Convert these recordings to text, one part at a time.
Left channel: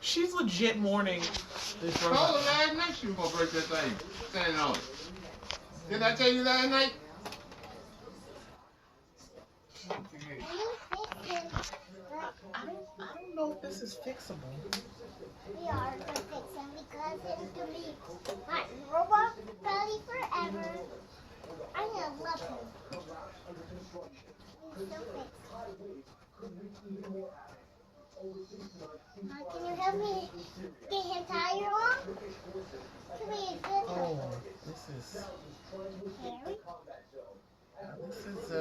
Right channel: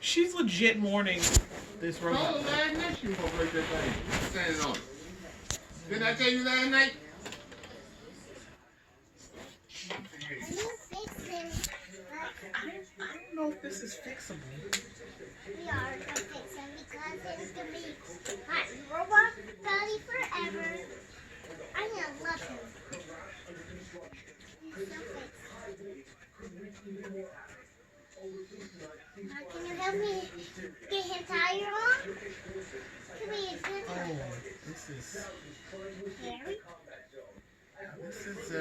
She's legit mourning this Told robot. her last night she was gonna break that thing. Standing on it. Didn't I tell you last night? I don't know if this is fixable. We are gonna fix him because it's gonna be my robot buddy forever. I'm gonna love him. He's so fixable. Can you help me get his tire on? Can we get Oh, this is. Harry? This is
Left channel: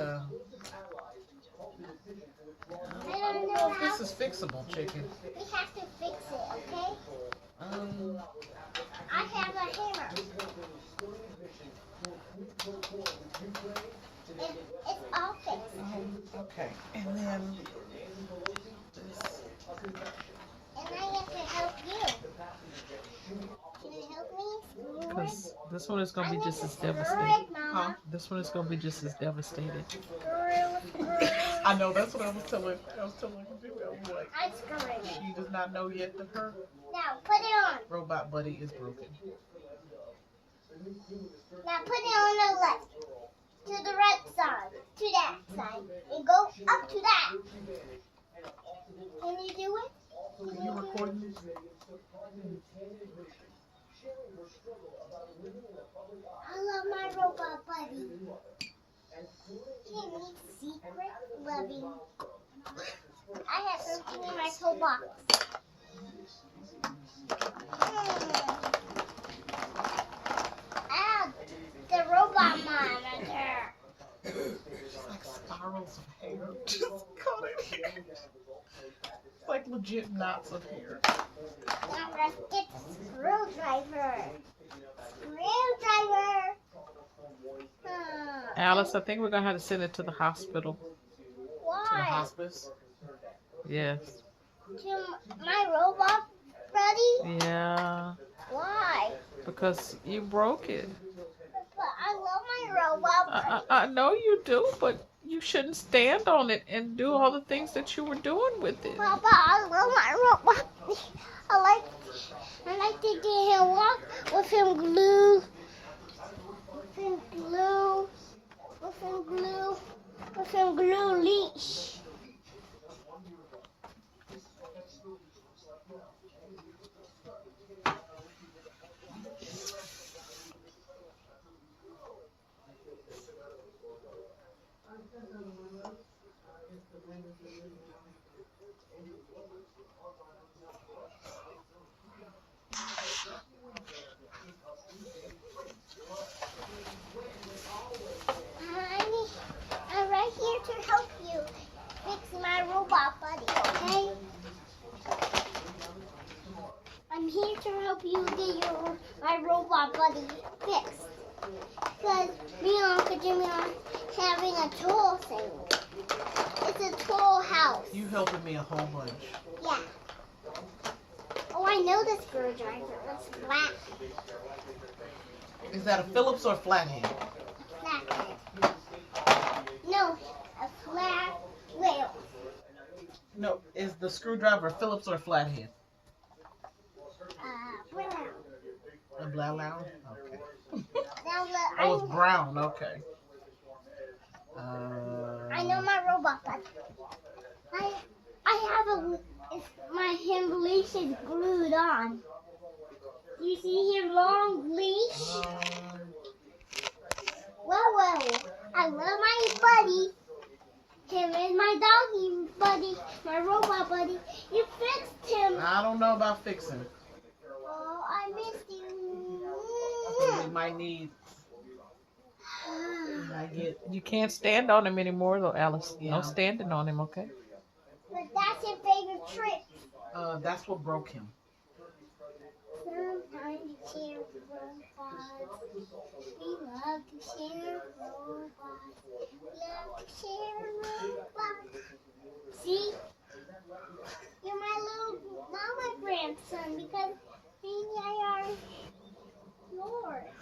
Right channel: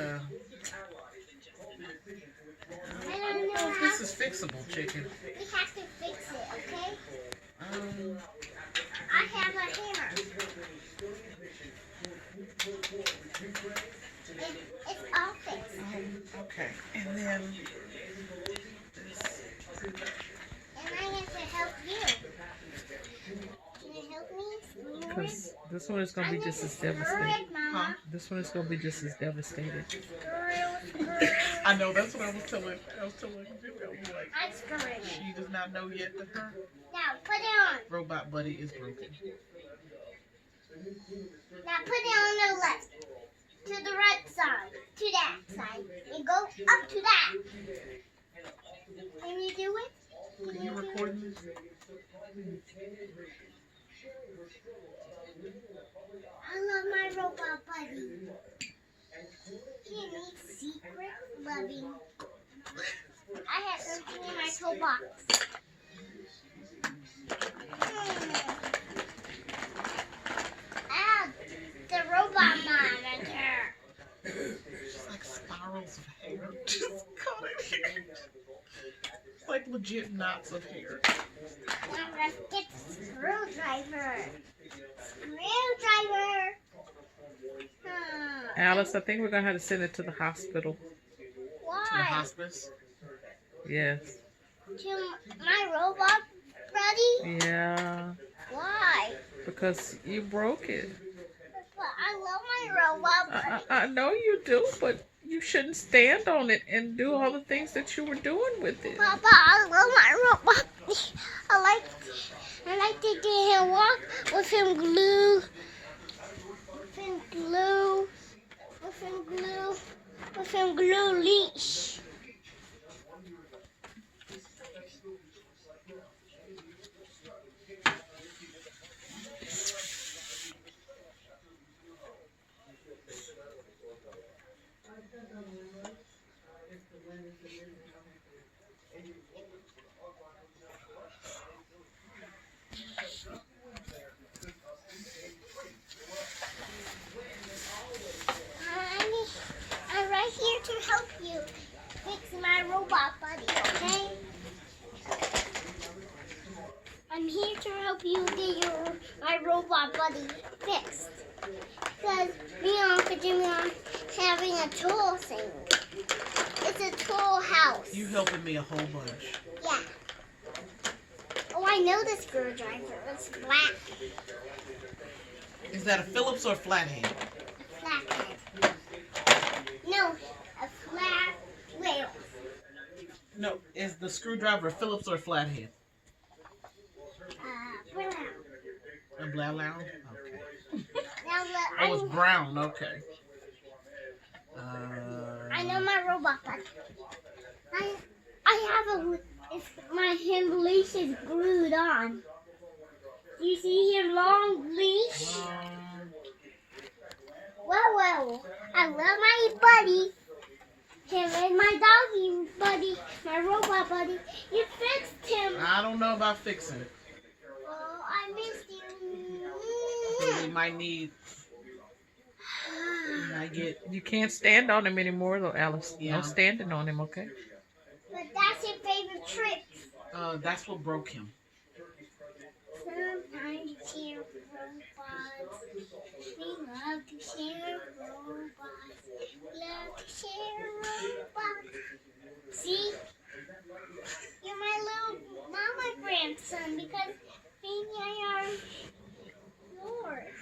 I don't know how. This is fixable, chicken. We have to fix it, okay? Um. I have a hammer. It's all fixed. Okay, and then And I have to help you. Can you help me? Because this one is going to be just as devastated. Mama. This one is going to be just as devastated. I know that's what I was telling him. I was like, I screwed it. she does not know yet that her Now put it on. robot buddy is broken. Now put it on the left. To the right side. To that side. And go up to that. Can you do it? Can You you do it? recording this? I love my robot buddy. He needs secret loving. I have something in my toolbox. Ah, the robot monitor. Just like spirals of hair. Just caught in here. It's like legit knots of hair. Now let's get the screwdriver. Screwdriver. Alice, I think we're going to have to send it to the hospital. To the Why? hospice. Yes. To my robot buddy? Yeah. Why? Because you broke it. But I love my robot buddy. I know you do, but you shouldn't stand on it and do all the things that you were doing with it. Papa, I love my robot. I like to get him walk with him glue. With him glue. With him glue. With him glue leash. I'm right here to help you fix my robot buddy, okay? I'm here to help you get my robot buddy fixed. Because me and Uncle Jimmy are having a tool thing. It's a tool house. You helping me a whole bunch. Yeah. Oh, I know the screwdriver. It's flat. Is that a Phillips or flathead? Flathead. No, a flat wheel. No, is the screwdriver a Phillips or a flathead? Brown. A brown? Okay. Now Oh, it's brown. Okay. I know my robot buddy. I have my him leash is glued on. You see his long leash? Well, I love my buddy. Him and my doggy buddy, my robot buddy. You fixed him. I don't know about fixing it. Oh, I missed you. We might need. I get. You can't stand on him anymore, though, Alice. Yeah. No standing on him, okay? But that's your favorite trick. That's what broke him. Sometimes you share robots. We love to share robots. Love to share robots. See? You're my little mama grandson because me and I are yours.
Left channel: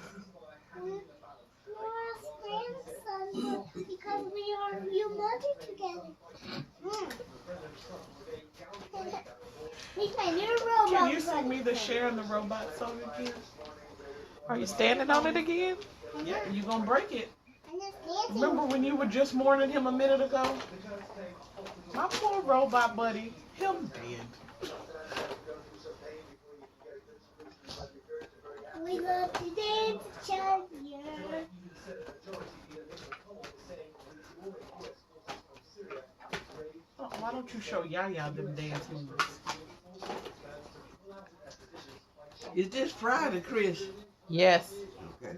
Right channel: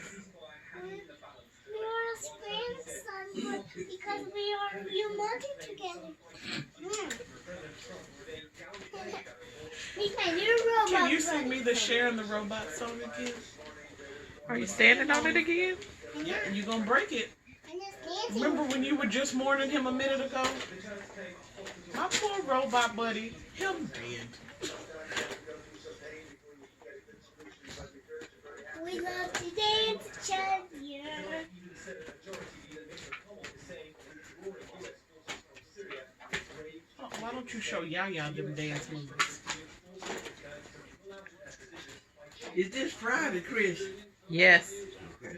You're our grandson because we are your mother together. He's my new robot. Can you sing me the Cher and the Robot song again? Are you standing on it again? Yeah, you gonna break it. I'm just dancing. Remember when you were just mourning him a minute ago? My poor robot buddy, him dead. We love to dance each other. Oh, why don't you show Yaya them dance moves? Is this Friday, Chris? Yes. Okay.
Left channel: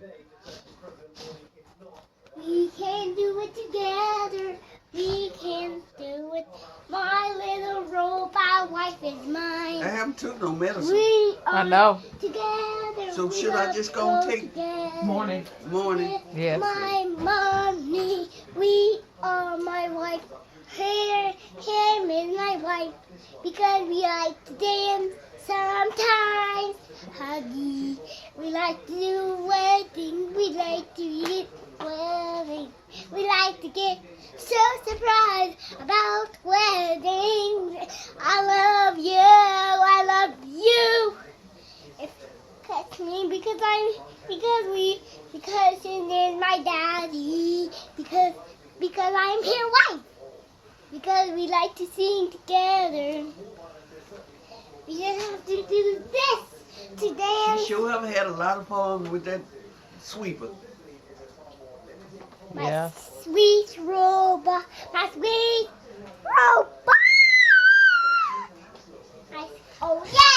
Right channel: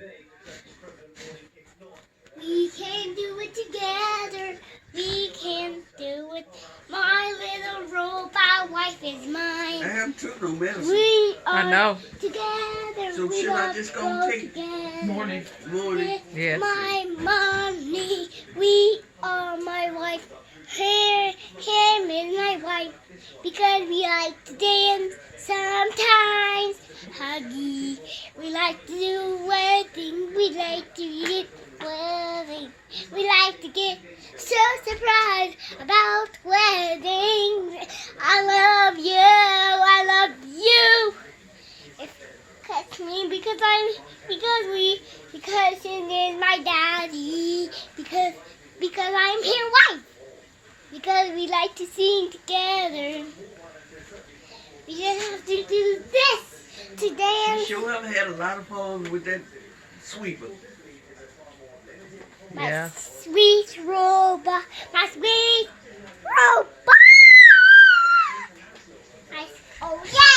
We can do it together. We can do it. My little robot wife is mine. I haven't took no medicine. We are I know. together. So we should I love just to go go take- together. Morning. Morning. Yes. My mommy, we are my wife. Him is my wife. Because we like to dance sometimes. Huggy. We like to do wedding. We like to eat wedding. We like to get so surprised about weddings. I love you. I love you. Catch me because he is my daddy. Because I'm his wife. Because we like to sing together. We just have to do this to You dance. sure have had a lot of fun with that sweeper. My Yeah. sweet robot. My sweet robot. Oh yeah.